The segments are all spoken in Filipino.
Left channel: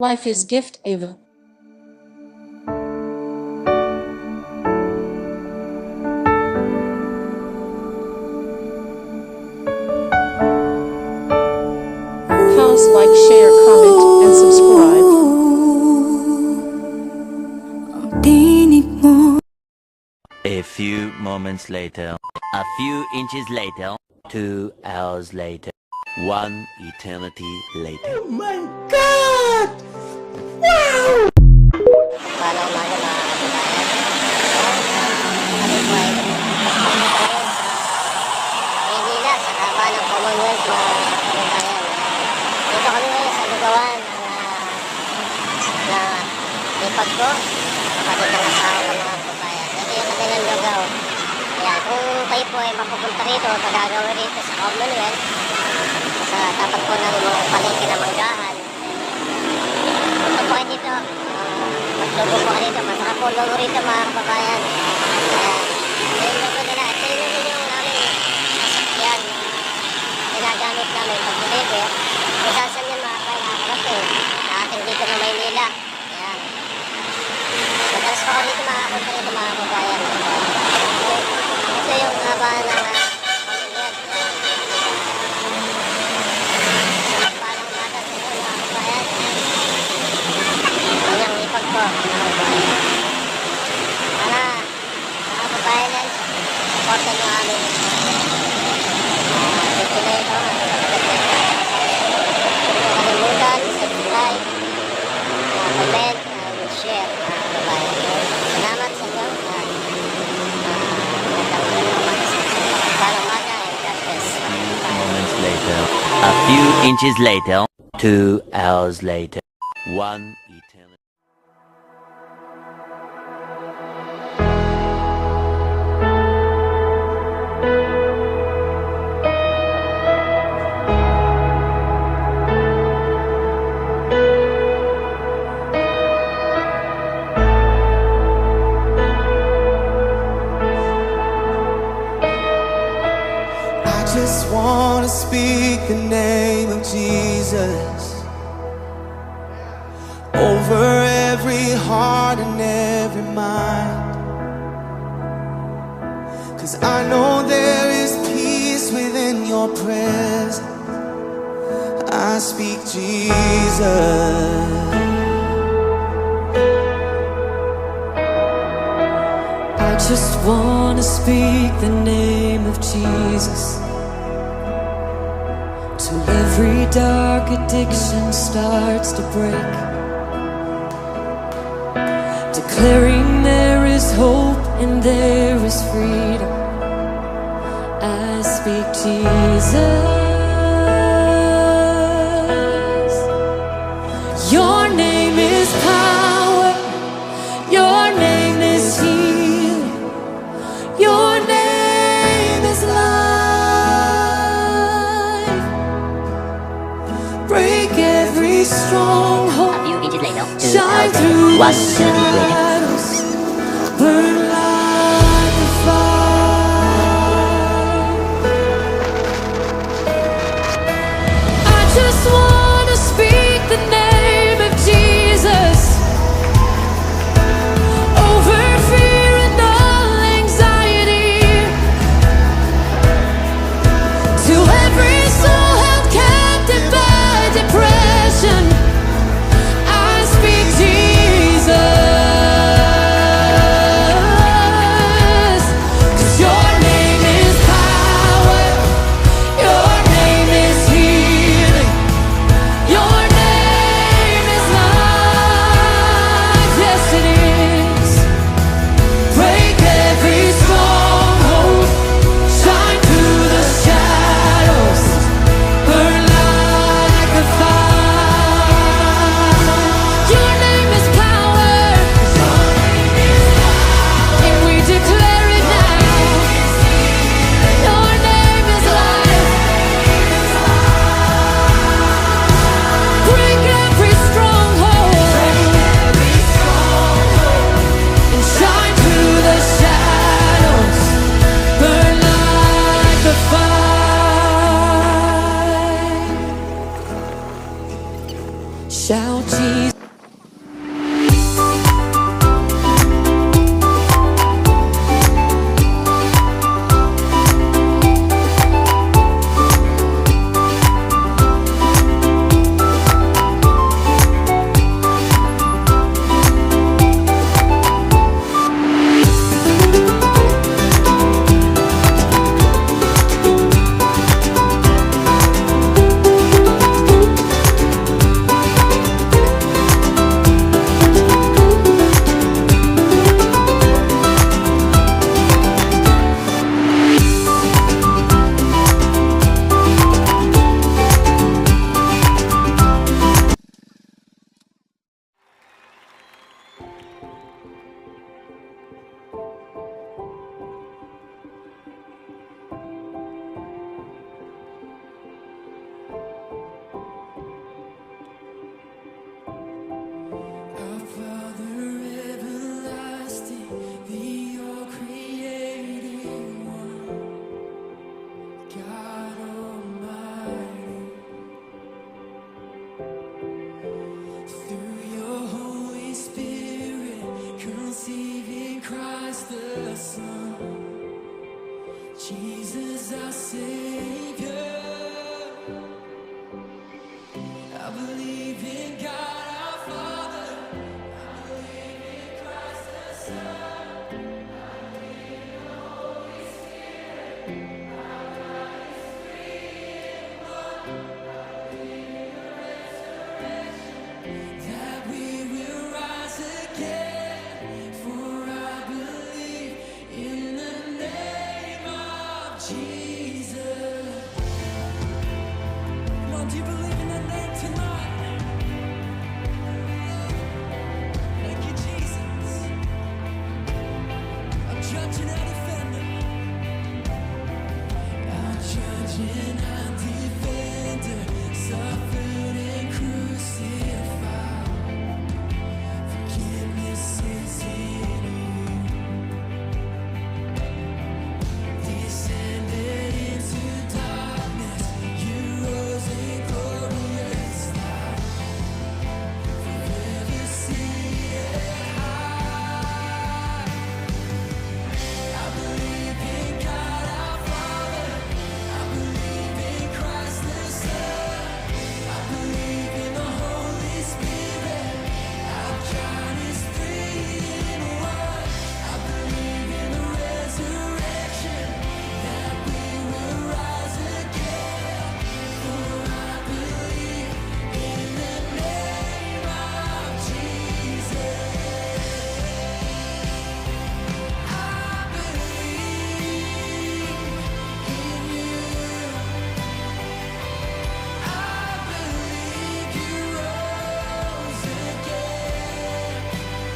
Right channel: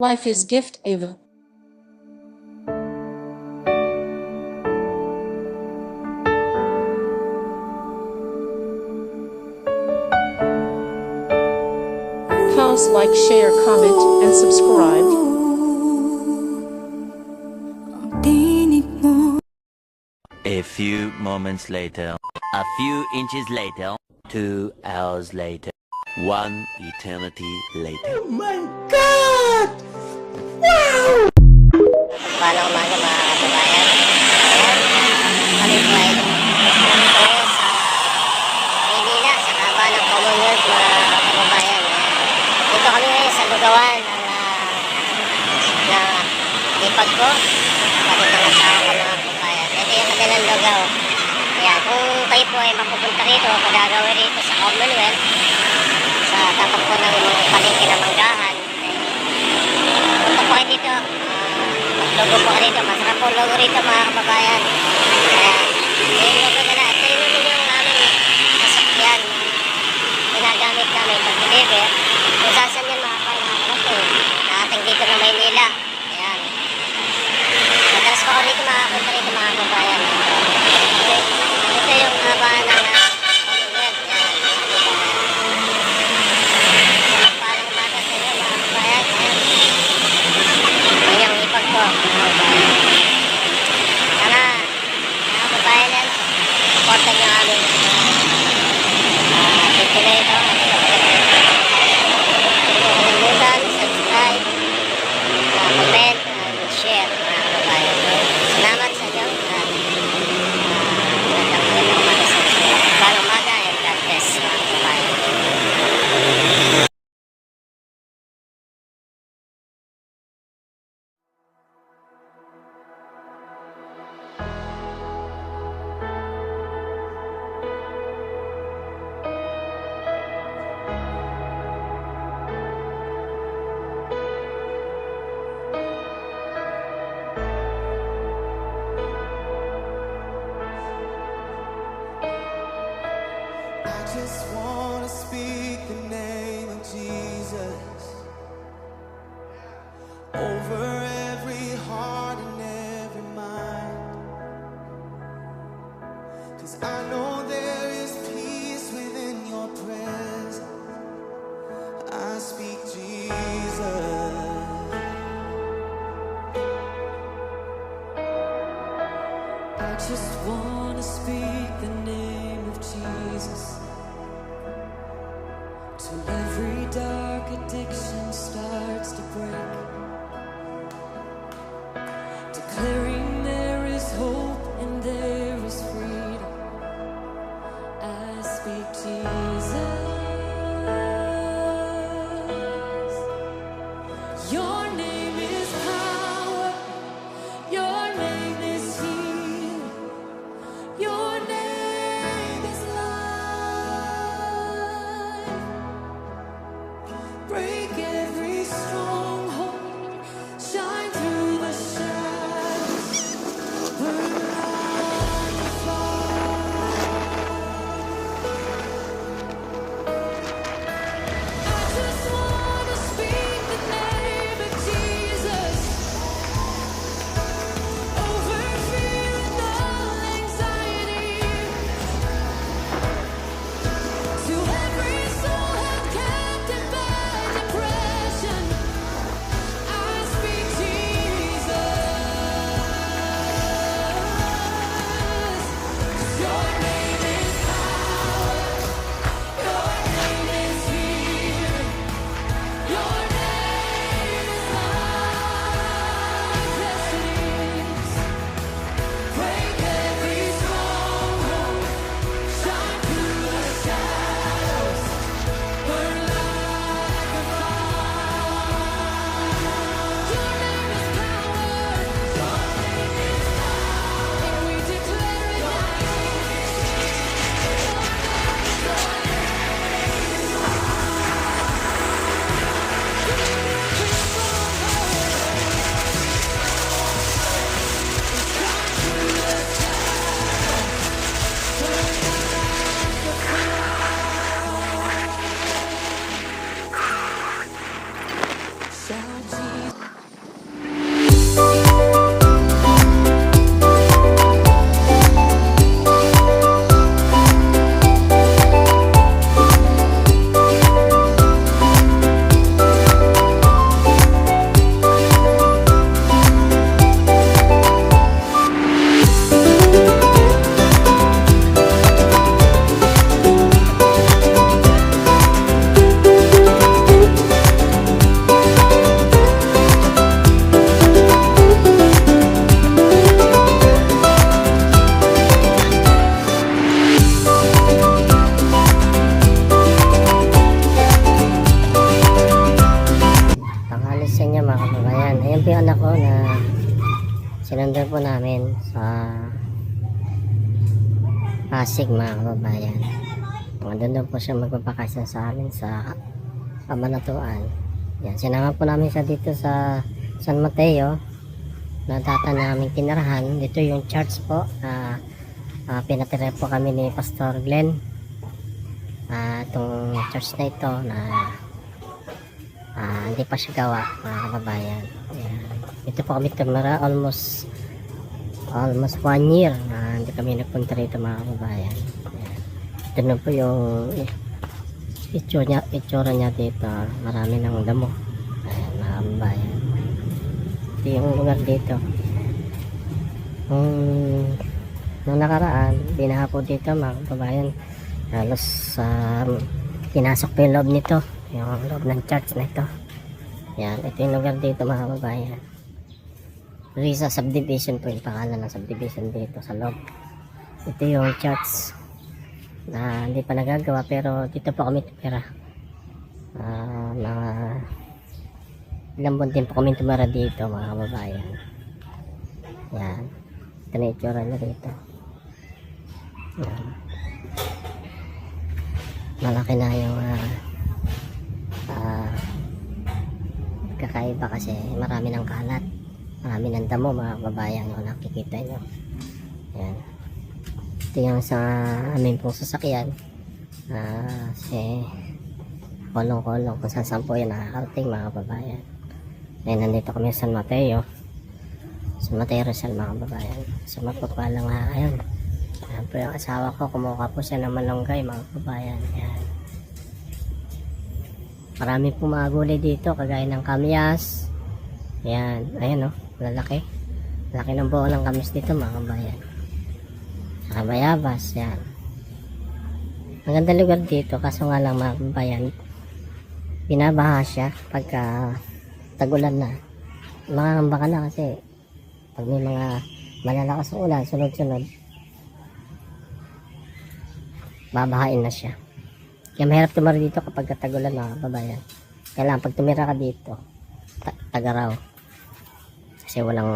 Life is gift, Ava. Pause, like, share, comment, and subscribe. A few moments later, a few inches later, 2 hours later, 1 eternity later. Oh my God! Wow! Paano umaga mga kababayan? Ayan, kami po ay nandito ngayon sa Maynila, sa kaba ng Commonwealth mga kababayan. Dito kami ngayon sa lugawan ng lipag ko, kapatid ng asawa ko mga kababayan. Ito yung kanilang lugaw. Ayan, kung kayo po ay mapupunta rito, padagawin rito sa Commonwealth, sa tapat po ng mga palengke na manggahan, punta po kayo dito. Maglogo po ka dito. Masarap po logo rito mga kababayan. Ayan. Yung logo nila. Ito yun naman yung aming sasakyan na ginagamit namin pag-deliver. Kung saan yan mga kakarating. Nakating dito na Maynila. Ayan. Madalas pa ko rito makapunta rito mga kababayan. Ito yung haba ng Commonwealth. Ayan. Palang umaga sa inyo mga kababayan. Ayan. Yung ipag ko, mga kabayan. Sana, mga kabayan yan, supportan nyo aming video na ito. Huwag mo kalimutan, subscribe, comment, and share, mga kabayan. Salamat sa inyo. Magandang umaga sa isang palang umaga, and God bless, mga kabayan. A few inches later, 2 hours later, 1 eternity. I just want to speak the name of Jesus over every heart and every mind. 'Cause I know there is peace within your presence. I speak Jesus. I just want to speak the name of Jesus till every dark addiction starts to break, declaring there is hope and there is freedom. I speak Jesus. Your name is power. Your name is healing. Your name is life. Break every stronghold. A few inches later, 2 Shine hours through later, 1 the eternity later. shadows. Burn like a fire. I just want to speak the name of Jesus over fear and all anxiety, to every soul held captive by depression. I speak Jesus. kababayan. Ayan po yung anak ko na sinundan po namin sa Pasig mga kababayan. Doon po siya magpapakasyon sa amin sa Kabanatuan. Yan, sinama po namin siya dito sa San Mateo na data namin kinarahan. Dito yung church po na pinatira po kami ni Pastor Glenn. Itong church na ito na hindi pa siya gawa mga kababayan. Dito po kami tumira almost 1 year na hindi kami napunta rito mga kababayan. Ito na po yung itsura niya dito. Marami ng damo. Ito yung lugar dito. Nung nakaraan, binaha po dito mga kababayan. Tapos pinasok ko yung loob nito. Yung loob ng church na ito. Yan, ito yung lugar dito mga kababayan. Risa subdivision po yung pangalan ng subdivision dito sa loob. Ito yung church na hindi pa nagagawa pero dito po kami tira. Ilang buwan din po kami tumara dito mga kababayan. Yan, ito na itsura na dito. Malaki na yung kakaiba kasi marami ng kalat, marami ng damo mga kababayan na nakikita nyo. Ito yung sa amin po sasakyan kolong-kolong kung saan po yun nakakarating mga kababayan. Kaya nandito kami sa San Mateo Rizal mga sa matapa lang ito yung asawa ko, kumuha po siya ng malunggay mga kababayan. Maraming pong mga gulay dito kagaya ng kamyas. Ayan o, laki ng buho ng kamis dito mga mayabas. Maganda lugar dito kaso nga lang mga kababayan, binabaha siya pagka tagulan na. Makakamba ka na kasi yung mga malalakas na ulan, sunod-sunod babahain na siya. Kaya mahirap tumari dito kapag tagulan na kababayan. Kailangan pag tumira ka dito tagaraw kasi walang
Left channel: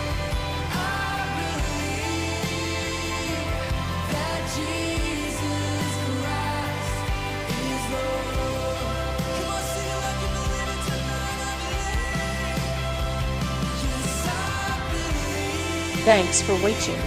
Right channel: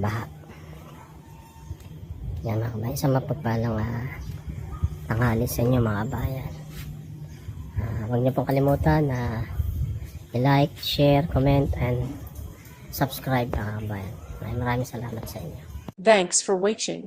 baha. Yan, sa matapa lang tanghali sa inyo mga kababayan. Huwag niyo pong kalimutan na like, share, comment, and subscribe. Maraming salamat. Thanks for watching.